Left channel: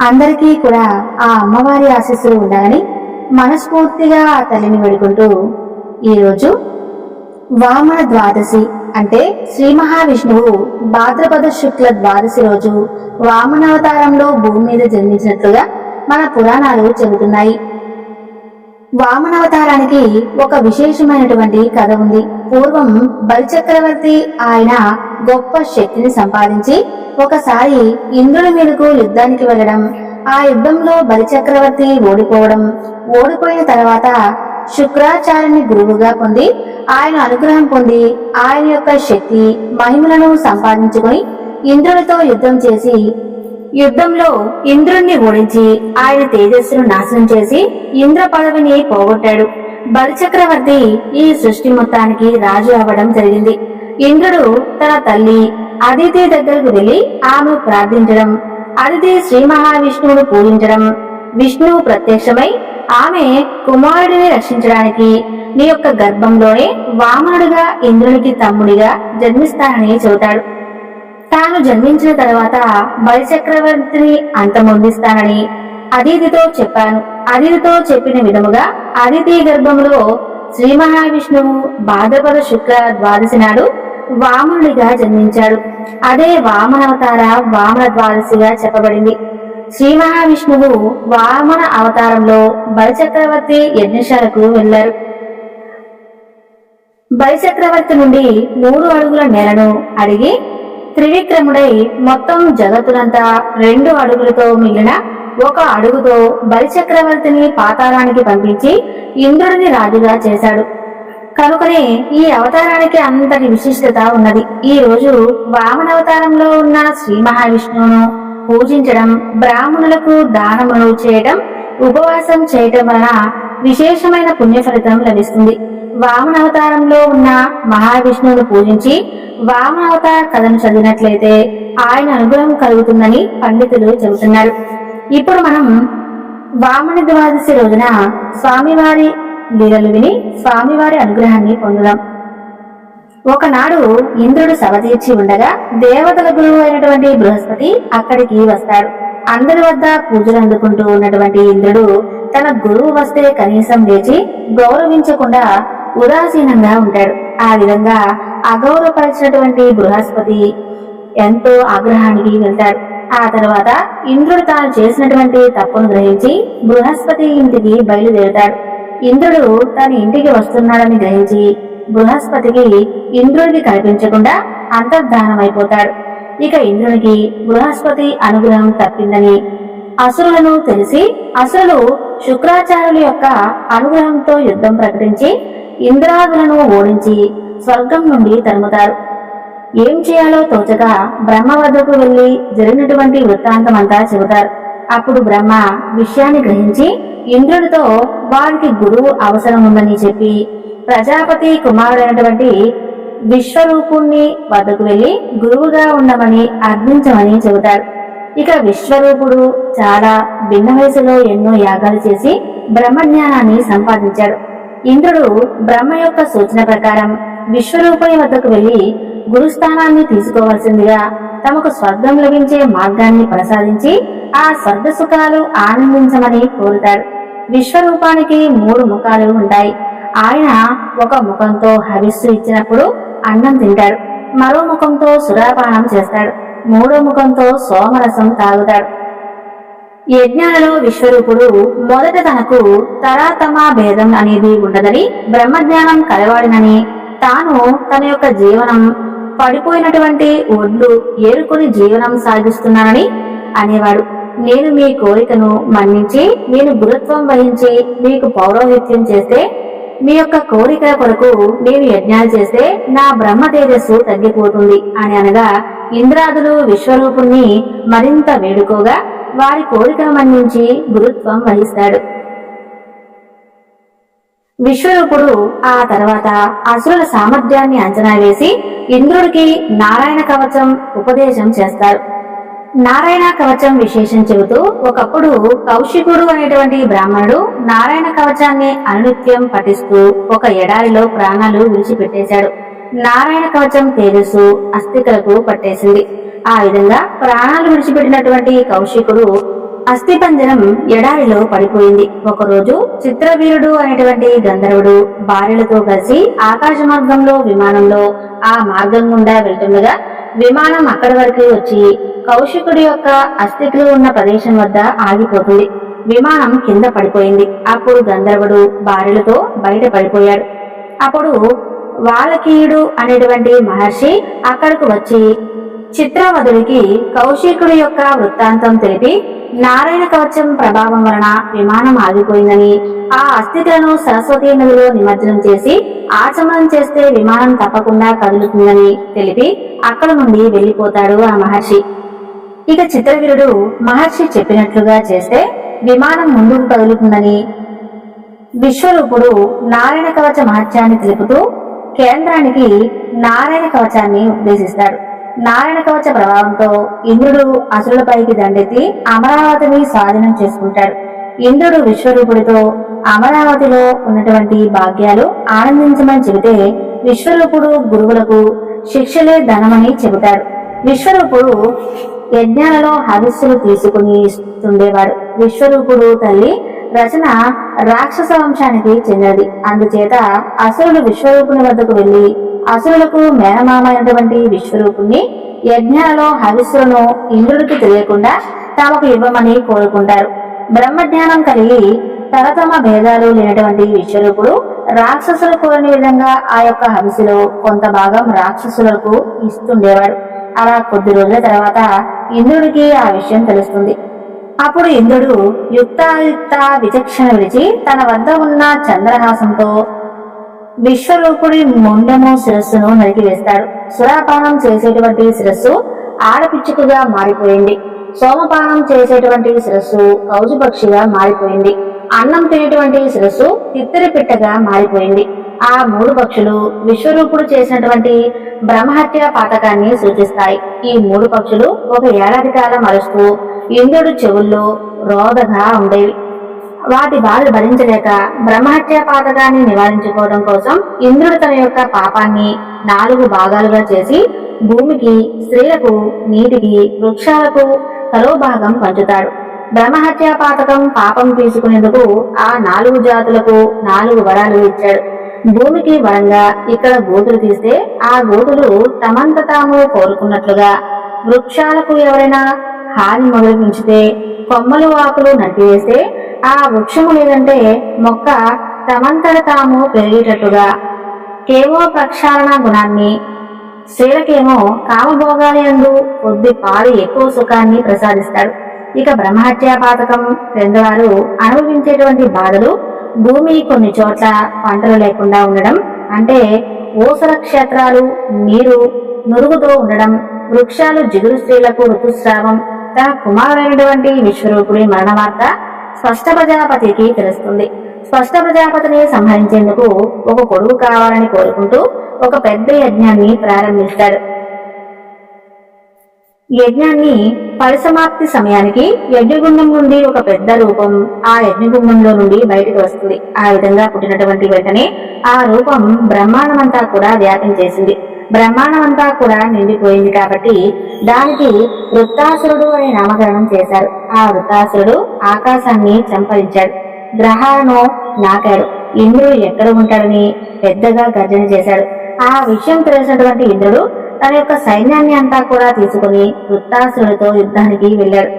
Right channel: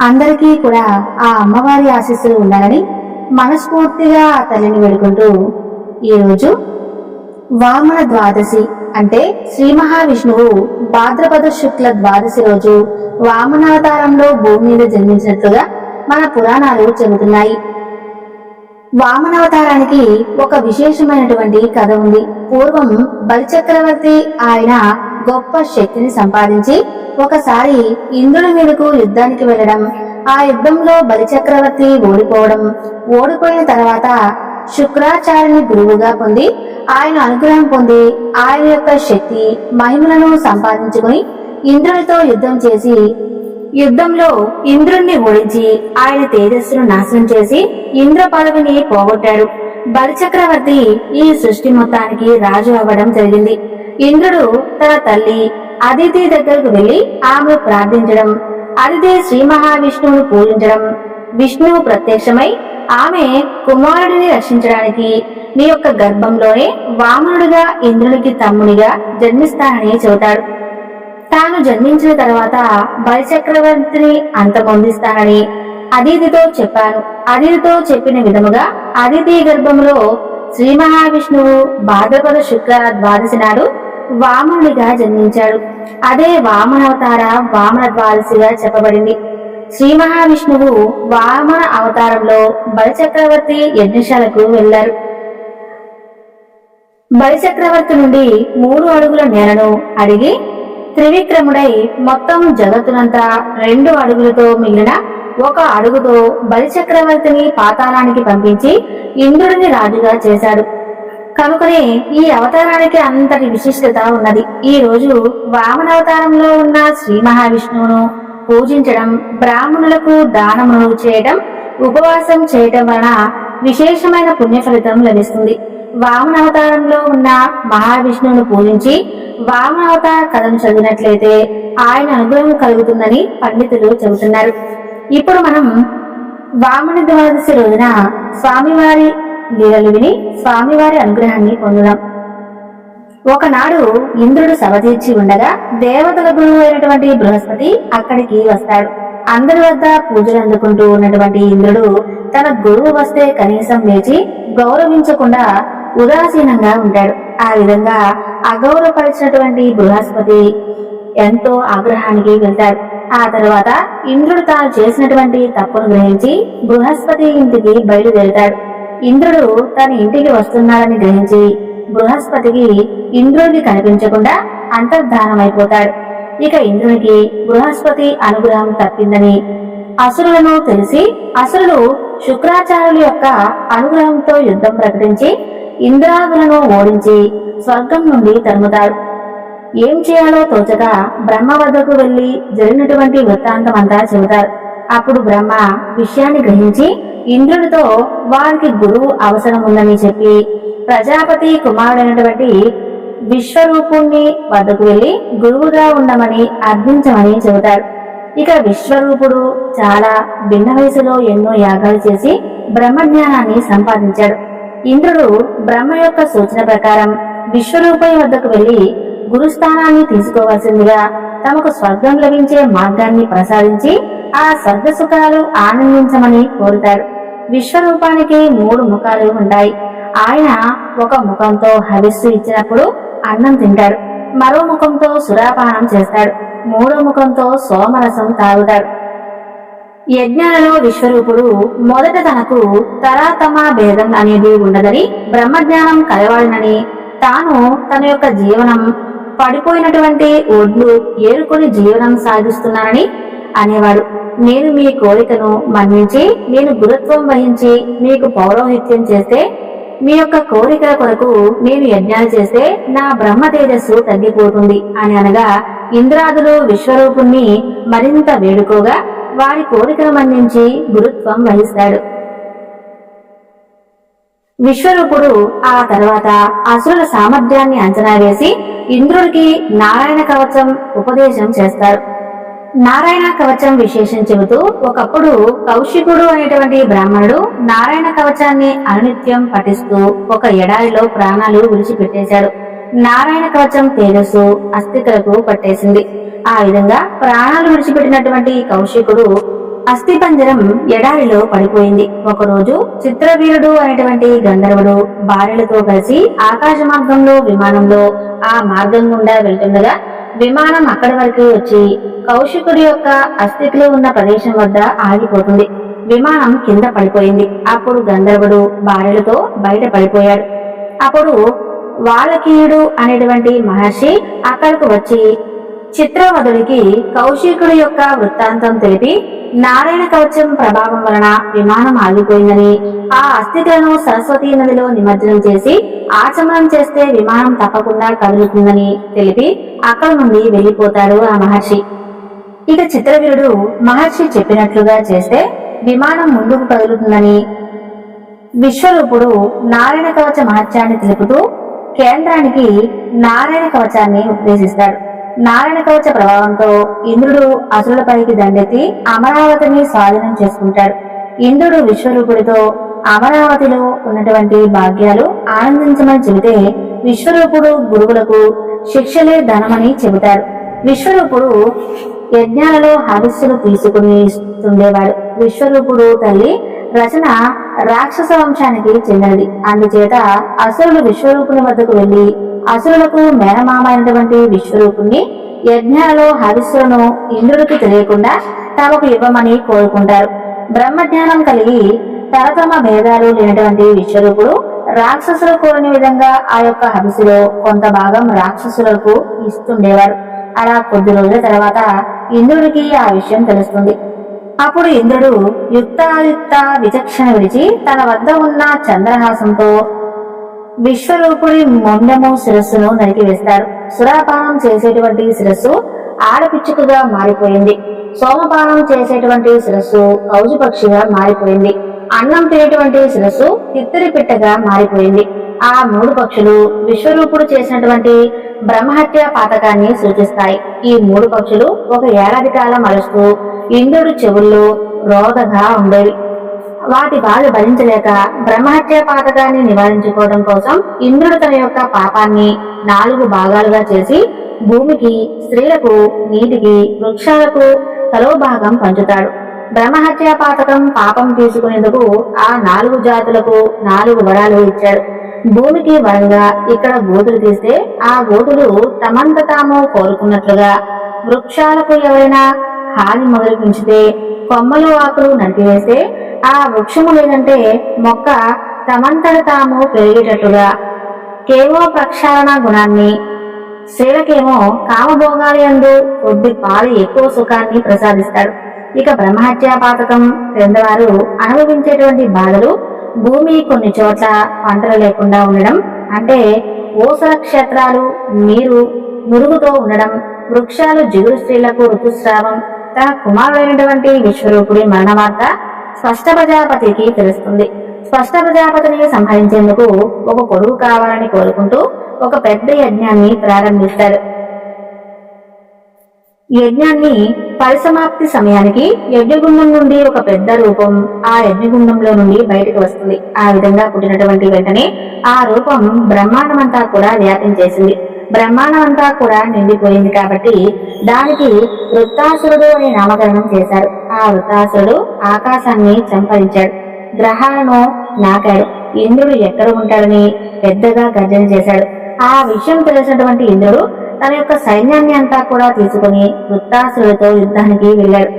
అందరికీ కూడా ఆ అమ్మవారి ఆశీస్సులు ఉండాలని మనస్ఫూర్తిగా ఆ తల్లిని వేడుకుంటూ ఈరోజు వామన ద్వాదశి అంటే శ్రీ మహావిష్ణువు భాద్రపద శుక్ల ద్వాదశి రోజు వామనావతారంలో భూమి మీద జన్మించినట్లుగా మన పురాణాలు చెబుతున్నాయి. వామనవతారానికి ఒక విశేషమైనటువంటి కథ ఉంది. పూర్వం బలిచక్రవర్తి ఆయన గొప్ప శక్తిని సంపాదించి ఒకసారి ఇంద్రుడి మీదకు యుద్ధానికి వెళ్ళడం ఆ యుద్ధంలో బలిచక్రవర్తి ఓడిపోవడం ఓడిపోయిన తర్వాత శుక్రాచార్యుని గురువుగా పొంది ఆయన అనుగ్రహం పొంది ఆయన యొక్క శక్తి మహిమలను సంపాదించుకుని ఇంద్రుడితో యుద్ధం చేసి యుద్ధంలో ఇంద్రుణ్ణి ఓడించి ఆయన తేజస్సును నాశనం చేసి ఇంద్ర పదవిని పోగొట్టాడు. బలిచక్రవర్తి ఈ సృష్టి మొత్తానికి రాజు అవ్వడం జరిగింది. ఇంద్రుడు తన తల్లి అదితి దగ్గరకు వెళ్ళి ఆమెను ప్రార్థించడం అదితి శ్రీ మహావిష్ణువును పూజించడం. విష్ణువు ప్రత్యక్షమై ఆమె కుమారుడిని రక్షించడానికి నీ యొక్క గర్భంలోనే వామనుడిగా ఇంద్రునికి తమ్ముడిగా జన్మిస్తానని చెబుతాడు. తాను జన్మించిన తర్వాత బలిచక్రవర్తిని అంతమొందిస్తానని అదితితో చెప్పాను. అదితితో చెప్పిన విధముగా అదితి గర్భములో శ్రీ మహావిష్ణువు భాద్రపద శుక్ల ద్వాదశి నాడు వామనుడిగా జన్మించాడు. అదే వామనవతార వామన ద్వాదశిగా చెప్పబడింది. శ్రీ మహావిష్ణువు వామన అవతారంలో బలిచక్రవర్తి యజ్ఞశాలకు వెళ్ళారు బలిచక్రవర్తి నుండి మూడు అడుగుల నేలను అడిగి త్రివిక్రముడై మొత్తం జగత్తునంతా రెండు అడుగులతో మిగిలిన ఒక అడుగుతో బలిచక్రవర్తిని పాతాళానికి పంపించి ఇంద్రుడిని రాజుగా చేశాడు. కనుకనే ఈ అవతారానికి అంతటి విశిష్టత ఉన్నది. ఈ రోజు వామనవతారంలో ఉన్న శ్రీ మహావిష్ణువును పూజించడం బ్రాహ్మణులకు దానములు చేయటం ఉపవాసం చేయటం వలన విశేషమైన పుణ్య ఫలితం లభిస్తుంది. వామనావతారంలో ఉన్న మహావిష్ణువును పూజించి వామనావతార కథను చదివినట్లయితే ఆయన అనుగ్రహం కలుగుతుందని పండితులు చెబుతున్నారు. ఇప్పుడు మనం వామన ద్వాదశి రోజున స్వామివారి లీలలు విని స్వామివారి అనుగ్రహాన్ని పొందుదాం. ఒకనాడు ఇంద్రుడు సభ తీర్చి ఉండగా దేవతల గురువు అయినటువంటి బృహస్పతి అక్కడికి వస్తాడు. అందరి వద్ద పూజలు అందుకుంటూ ఉన్నటువంటి ఇంద్రుడు తన గురువు వస్తే కనీసం లేచి గౌరవించకుండా ఉదాసీనంగా ఉంటాడు. ఆ విధంగా అగౌరవపరిచినటువంటి బృహస్పతి ఎంతో ఆగ్రహానికి వెళ్తాడు. ఆ తర్వాత ఇంద్రుడు తాను చేసినటువంటి తప్పును గ్రహించి బృహస్పతి ఇంటికి బయలుదేరుతాడు. ఇంద్రుడు తన ఇంటికి వస్తున్నాడని గ్రహించి బృహస్పతికి ఇంద్రుడికి కనిపించకుండా అంతర్ధానమైపోతాడు ఇక ఇంద్రునికి బృహస్పతి అనుగ్రహం తప్పిందని అసురులను తెలిసి అసురులు శుక్రాచార్యుల యొక్క అనుగ్రహంతో యుద్ధం ప్రకటించి ఇంద్రాదులను ఓడించి స్వర్గం నుండి తరుముతారు. ఏం చేయాలో తోచక బ్రహ్మ వద్దకు వెళ్ళి జరిగినటువంటి వృత్తాంతమంతా చెబుతారు. అప్పుడు బ్రహ్మ విషయాన్ని గ్రహించి ఇంద్రుడితో వారికి గురువు అవసరం ఉందని చెప్పి ప్రజాపతి కుమారుడైనటువంటి విశ్వరూపుణ్ణి వద్దకు వెళ్ళి గురువుగా ఉండమని అర్థించమని చెబుతాడు. ఇక విశ్వరూపుడు చాలా భిన్న వయసులో ఎన్నో యాగాలు చేసి బ్రహ్మజ్ఞానాన్ని సంపాదించాడు. ఇంద్రుడు బ్రహ్మ యొక్క సూచన ప్రకారం విశ్వరూపయ వద్దకు వెళ్ళి గురుస్థానాన్ని తీసుకోవాల్సిందిగా తమకు స్వర్గం లభించే మార్గాన్ని ప్రసాదించి ఆ స్వర్గ సుఖాలు ఆనందించమని కోరుతాడు. విశ్వరూపానికి మూడు ముఖాలు ఉంటాయి. ఆయన ఒక ముఖంతో హవిస్సు ఇచ్చినప్పుడు అన్నం తింటాడు. మరో ముఖంతో సురాపానం చేస్తాడు. మూడో ముఖంతో సోమరసం తాగుతాడు. యజ్ఞాలలో విశ్వరూపుడు మొదట తనకు తరాతమ భేదం అనేది ఉండదని బ్రహ్మజ్ఞానం కలవాడినని తాను తన యొక్క జీవనం పడిపోయినటువంటి ఒడ్లు ఏరుకొని జీవనం సాగిస్తున్నానని అనేవాడు. నేను మీ కోరికను మన్నించి నేను గురుత్వం వహించి మీకు పౌరోహిత్యం చేస్తే మీ యొక్క కోరికల కొరకు నేను యజ్ఞాలు చేస్తే నా బ్రహ్మ తేజస్సు తగ్గిపోతుంది అని అనగా ఇంద్రాదులు విశ్వరూపుణ్ణి మరింత వేడుకోగా వారి కోరికను మన్నించి గురుత్వం వహిస్తాడు. విశ్వరూపుడు ఆ తర్వాత అసురుల సామర్థ్యాన్ని అంచనా వేసి ఇంద్రుడికి నారాయణ కవచం ఉపదేశం చేస్తాడు నారాయణ కవచం విశేషం చెబుతూ ఒకప్పుడు కౌశికుడు అనేటువంటి బ్రాహ్మణుడు నారాయణ కవచాన్ని అనునిత్యం పఠిస్తూ ఒక ఎడారిలో ప్రాణాలు విడిచిపెట్టేశాడు. నారాయణ కవచం తేజస్సు అస్థికలకు పట్టేసింది. ఆ విధంగా ప్రాణాలు విడిచిపెట్టినటువంటి కౌశికుడు అస్థిపంజరం ఎడారిలో పడిపోయింది. ఒకరోజు చిత్రవీరుడు అనేటువంటి గంధర్వుడు భార్యలతో కలిసి ఆకాశ మార్గంలో విమానంలో ఆ మార్గం గుండా వెళ్తుండగా విమానం అక్కడి వరకు వచ్చి కౌశికుడి యొక్క అస్థితులు ఉన్న ప్రదేశం వద్ద ఆగిపోతుంది. విమానం కింద పడిపోయింది. అప్పుడు గంధర్వుడు భార్యలతో బయట పడిపోయాడు. అప్పుడు వాలకీయుడు అనేటువంటి మహర్షి అక్కడకు వచ్చి చిత్రవధుడికి కౌశికుడి యొక్క వృత్తాంతం తెలిపి నారాయణ కవచం ప్రభావం వలన విమానం ఆగిపోయిందని ఆ అస్థితులను సరస్వతీ నదిలో నిమజ్జనం చేసి ఆచమనం చేస్తే విమానం తప్పకుండా కదులుతుందని తెలిపి అక్కడ నుండి వెళ్ళిపోతాడు ఆ మహర్షి. ఇక చిత్రవీరుడు మహర్షి చెప్పినట్లుగా చేస్తే విమానం ముందుకు కదులుతుందని విశ్వరూపుడు నారాయణ కవచ మహత్యాన్ని తెలుపుతూ కేంద్రానికి నారాయణ కవచాన్ని ఉపదేశిస్తాడు. నారాయణ కవచ ప్రభావంతో ఇంద్రుడు అసురులపైకి దండెత్తి అమరావతిని స్వాధీనం చేసుకుంటాడు. ఇంద్రుడు విశ్వరూపుడితో అమరావతిలో ఉన్నటువంటి భాగ్యాలు ఆనందించమని చెబితే విశ్వరూపుడు గురువులకు శిక్షలే ధనమని చెబుతాడు. విశ్వరూపుడు యజ్ఞాలలో హవిస్సులు తీసుకుని ఉండేవాడు విశ్వరూపుడు తల్లి రచన రాక్షస వంశానికి చెందినది. అందుచేత అసురులు విశ్వరూపుని వద్దకు వెళ్ళి అసురులకు మేనమామ అయినటువంటి విశ్వరూపుణ్ణి యజ్ఞాలలో హవిస్సులను ఇంద్రుడికి తెలియకుండా తమకు ఇవ్వమని కోరుకుంటారు. బ్రహ్మజ్ఞానం కలిగి తరతమ భేదాలు లేనటువంటి విశ్వరూపుడు రాక్షసులు కోరని విధంగా ఆ యొక్క హవిస్సులో కొంత భాగం రాక్షసులకు ఇస్తుండేవాడు. అలా కొద్ది రోజుల తర్వాత ఇంద్రుడికి ఆ విషయం తెలుస్తుంది. అప్పుడు ఇంద్రుడు యుక్తాయుక్త విచక్షణ విడిచి తన వద్ద ఉన్న చంద్రహాసంతో విశ్వరూపుడి మొండెము శిరస్సును నరికివేస్తాడు. సురాపానం చేసేటువంటి శిరస్సు ఆడపిచ్చుకగా మారిపోయింది. సోమపానం చేసేటువంటి శిరస్సు కౌజుపక్షిగా మారిపోయింది. అన్నం తినేటువంటి శిరస్సు తిత్తిరి పిట్టగా మారిపోయింది. ఆ మూడు పక్షులు విశ్వరూపుడు చేసినటువంటి బ్రహ్మహత్య పాతకాన్ని సూచిస్తాయి. ఈ మూడు పక్షులు ఒక ఏడాది కాలం అరుస్తూ ఇంద్రుడు చెవుల్లో రోదగా ఉండేవి. వాటి బాధ భరించలేక బ్రహ్మహత్య పాతకాన్ని నివారించుకోవడం కోసం ఇంద్రుడు తన యొక్క పాపాన్ని నాలుగు భాగాలుగా చేసి భూమికి స్త్రీలకు నీటికి వృక్షాలకు తలో భాగం పంచుతాడు. బ్రహ్మహత్య పాతకం పాపం తీసుకునేందుకు ఆ నాలుగు జాతులకు నాలుగు వరాలు ఇచ్చాడు. భూమికి వరంగా ఇక్కడ గోతులు తీస్తే ఆ గోతులు తమంత తాము కోరుకున్నట్లుగా వృక్షాలకు ఎవరైనా హాని మొదలు పెంచితే కొమ్మలు ఆకులు నరికివేస్తే ఆ వృక్షము లేదంటే మొక్క తమంతట తాము పెరిగేటట్టుగా. కేమో ప్రక్షాళన గుణాన్ని. స్త్రీలకేమో కామభోగాలి అందు కొద్ది పాలు ఎక్కువ సుఖాన్ని ప్రసాదిస్తాడు. ఇక బ్రహ్మహత్యా పాతకం క్రిందవారు అనుభవించేటువంటి బాధలు భూమి కొన్ని చోట్ల పంటలు లేకుండా ఉండడం అంటే ఓసల క్షేత్రాలు నీరు నురుగుతో ఉండడం వృక్షాలు జిగురు స్త్రీలకు ఋతుస్రావం తన కుమారుడైనటువంటి విశ్వరూపుడి మరణ వార్త స్పష్ట ప్రజాపతికి తెలుస్తుంది. స్పష్ట ప్రజాపతిని సంహరించేందుకు ఒక కొడుకు కావాలని కోరుకుంటూ ఒక పెద్ద యజ్ఞాన్ని ప్రారంభిస్తాడు. యజ్ఞాన్ని పరిసమాప్తి సమయానికి యజ్ఞగుండం నుండి ఒక పెద్ద రూపం ఆ యజ్ఞగుండంలో నుండి బయటకు వస్తుంది. ఆ విధంగా పుట్టినటువంటి వెంటనే ఆ రూపం బ్రహ్మాండమంతా కూడా వ్యాపించేసింది. బ్రహ్మాండమంతా కూడా నిండిపోయింది కాబట్టి దానికి వృత్తాసురుడు అనే నామకరణం చేశారు. ఆ వృత్తాసురుడు ఆకాశాన్ని చంపరించాడు. గ్రహాలను నాకాడు. ఇంద్రుడు ఎక్కడ ఉంటాడని పెద్దగా గర్జన చేశాడు. ఆ విషయం తెలిసినటువంటి ఇంద్రుడు తన యొక్క సైన్యాన్ని అంతా కూడా తీసుకుని వృత్తాసురుడితో యుద్ధానికి వెళ్ళాడు.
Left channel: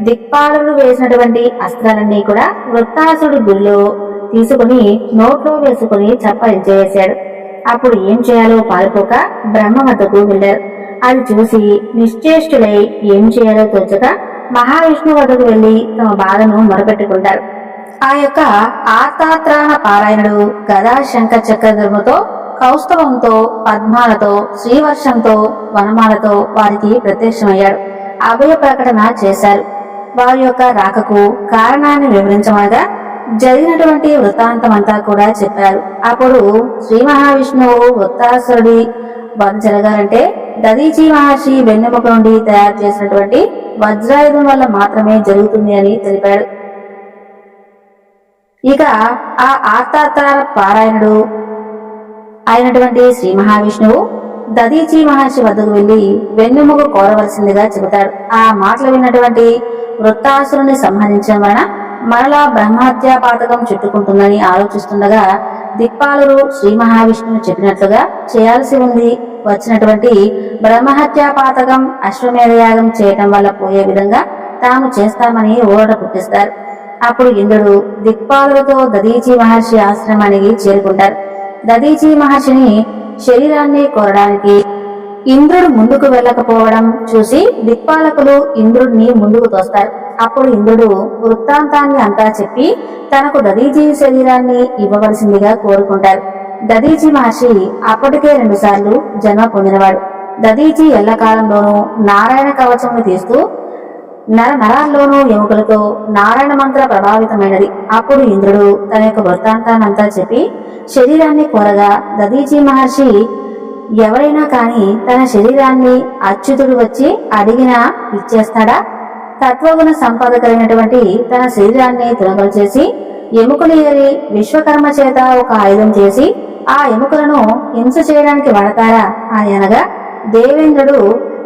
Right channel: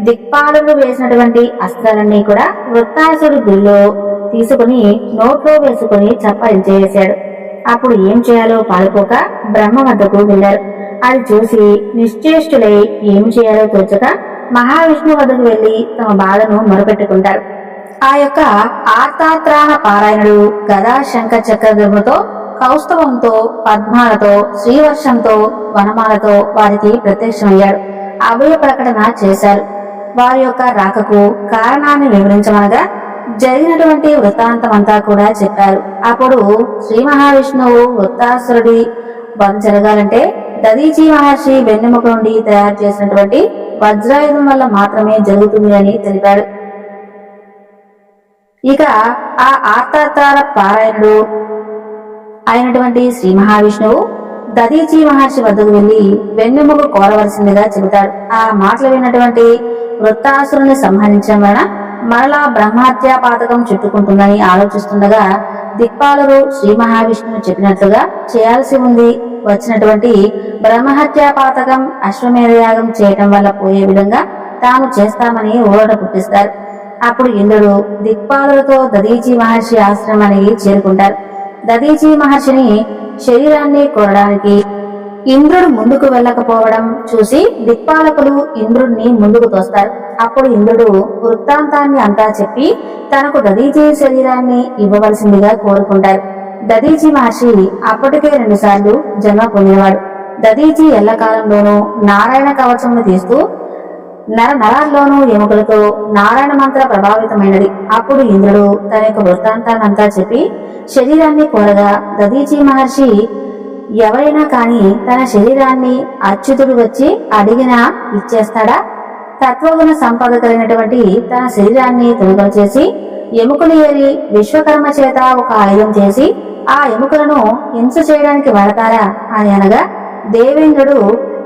దిక్పాలుడు వేసినటువంటి అస్త్రాలన్నీ కూడా వృత్తాసురుడి గురిలో తీసుకుని నోట్లో వేసుకుని చప్పరించేసాడు అప్పుడు ఏం చేయాలో పాలుపోక బ్రహ్మ వద్దకు వెళ్ళారు అది చూసి నిశ్చేష్టులై ఏం చేయాలో తోచక మహావిష్ణు వద్దకు వెళ్ళి తమ బాధను మొరపెట్టుకుంటారు. ఆ యొక్క ఆర్తాత్రాణ పారాయణుడు గదా శంఖ చక్రధర్ముతో కౌస్తవంతో పద్మాలతో శ్రీవర్షంతో వనమాలతో వారికి ప్రత్యక్షమయ్యాడు. అభయ ప్రకటన చేశారు. వారి యొక్క రాకకు కారణాన్ని వివరించమనగా జరిగినటువంటి వృత్తాంతమంతా కూడా చెప్పారు. అప్పుడు శ్రీ మహావిష్ణువు వృత్తాసురుడి వధ జరగాలంటే దదీజీ మహర్షి వెన్నెముక నుండి తయారు చేసినటువంటి వజ్రాయుధం వల్ల మాత్రమే జరుగుతుంది అని తెలిపాడు. ఇక ఆ ఆర్తాతార పారాయణుడు అయినటువంటి శ్రీ మహావిష్ణువు దదీచి మహర్షి వద్దకు వెళ్ళి వెన్నెముక కోరవలసిందిగా చెబుతాడు. ఆ మాటలు విన్నటువంటి వృత్తాసురుని సంహరించడం వలన మరలా బ్రహ్మహత్యా పాతకం చుట్టుకుంటుందని ఆలోచిస్తుండగా దిక్పాలరు శ్రీ మహావిష్ణువు చెప్పినట్లుగా చేయాల్సి ఉంది. వచ్చినటువంటి బ్రహ్మహత్యా పాతకం అశ్వమేధయాగం చేయటం వల్ల పోయే విధంగా తాము చేస్తామని ఊరట పుట్టిస్తారు. అప్పుడు ఇంద్రుడు దిక్పాలరుతో దదీచి మహర్షి ఆశ్రమానికి చేరుకుంటారు. దదీచి మహర్షిని శరీరాన్ని కోరడానికి ఇంద్రుడు ముందుకు వెళ్ళకపోవడం చూసి దిక్పాలకులు ఇంద్రుడిని ముందుకు తోస్తారు. అప్పుడు ఇంద్రుడు వృత్తాంతాన్ని అంతా చెప్పి తనకు దదీజీ శరీరాన్ని ఇవ్వవలసిందిగా కోరుకుంటారు. దదీజీ మహర్షి అప్పటికే రెండుసార్లు జన్మ పొందినవాడు. దదీజీ ఎల్లకాలంలోనూ నారాయణ కవచమును తీస్తూ నర నరాల్లోనూ ఎముకలతో నారాయణ మంత్ర ప్రభావితమైనది. అప్పుడు ఇంద్రుడు తన యొక్క వృత్తాంతాన్నంతా చెప్పి శరీరాన్ని కోరగా దదీజీ మహర్షి ఎవరైనా కాని తన శరీరాన్ని అచ్యుతుడు వచ్చి అడిగినా ఇచ్చేస్తాడా? తత్వగుణ సంపద కలిగినటువంటి తన శరీరాన్ని తునకలు చేసి ఎముకలు ఏరి విశ్వకర్మ చేత ఒక ఆయుధం చేసి ఆ ఎముకలను హింస చేయడానికి వాడతారా అని అనగా దేవేంద్రుడు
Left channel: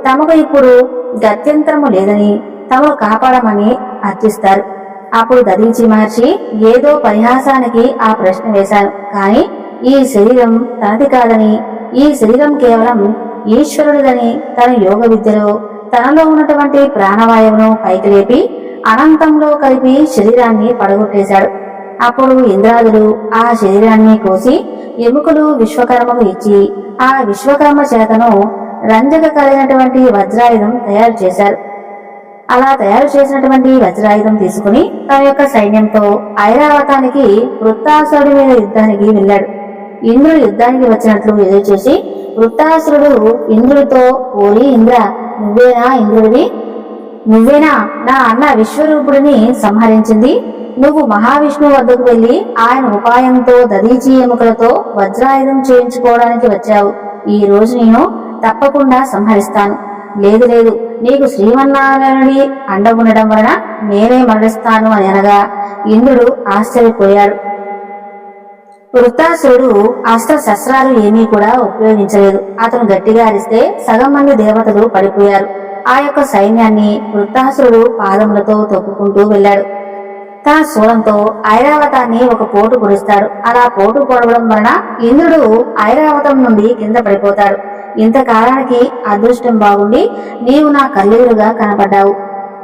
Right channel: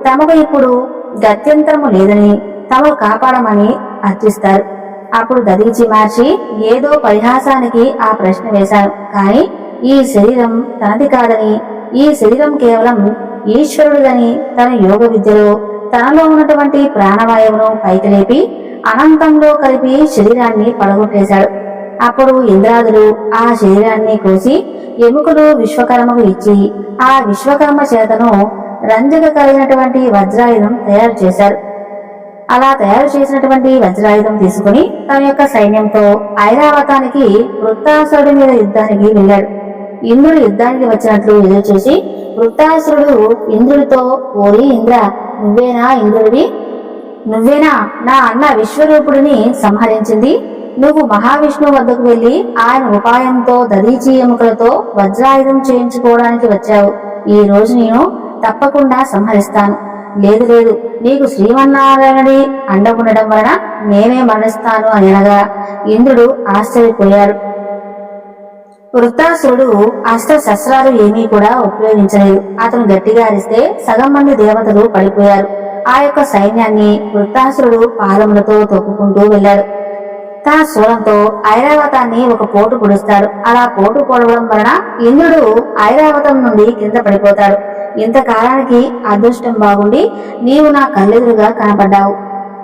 తమకు ఇప్పుడు గత్యంతరము లేదని తమను కాపాడమని అర్థిస్తారు అప్పుడు దదీచి మహర్షి ఏదో పరిహాసానికి ఆ ప్రశ్న వేశాను కానీ ఈ శరీరం తనది కాదని ఈ శరీరం కేవలం ఈశ్వరుడిదని తన యోగ విద్యలో తనలో ఉన్నటువంటి ప్రాణవాయువును పైకి లేపి అనంతంలో కలిపి శరీరాన్ని పడగొట్టేశాడు. అప్పుడు ఇంద్రాదులు ఆ శరీరాన్ని కోసి ఎముకలు విశ్వకర్మకు ఇచ్చి ఆ విశ్వకర్మ చేతను రంజక కలిగినటువంటి వజ్రాయుధం తయారు చేశారు. అలా తయారు చేసినటువంటి వజ్రాయుధం తీసుకుని తన యొక్క సైన్యంతో ఐరావతానికి వృత్తాసుడి మీద యుద్ధానికి వెళ్ళాడు. ఇంద్రుడు యుద్ధానికి వచ్చినట్లు ఎదురు చూసి వృత్తాసురుడు ఇంద్రుడితో ఓరి ఇంద్ర నువ్వేనా ఇంద్రుడివి? నువ్వేనా? నా అన్న విశ్వరూపుడిని సంహరించింది. నువ్వు మహావిష్ణువు వద్దకు వెళ్ళి ఆయన ఉపాయంతో దదీచి ఎముకలతో వజ్రాయుధం చేయించుకోవడానికి వచ్చావు. ఈ రోజు నేను తప్పకుండా సంహరిస్తాను. లేదు లేదు నీకు శ్రీమన్నారాయణుడి అండ ఉండడం వలన నేనే మరణిస్తాను అని అనగా ఇంద్రుడు ఆశ్చర్యపోయాడు. వృత్తాసురుడు అస్త్ర శస్త్రాలు ఏమీ కూడా ఉపయోగించలేదు. అతను గట్టిగా అరిస్తే సగం మంది దేవతలు పడిపోయారు. ఆ యొక్క సైన్యాన్ని వృత్తాసురుడు పాదములతో తొక్కుకుంటూ వెళ్ళాడు. తన శూలంతో ఐరావతాన్ని ఒక పోటు పొడుస్తాడు. అలా పోటు పొడవడం వలన ఇంద్రుడు ఐరావతం నుండి కింద పడిపోతాడు. ఇంతకాలానికి అదృష్టం బాగుండి నీవు నా కళ్ళెదురుగా కనపడ్డావు.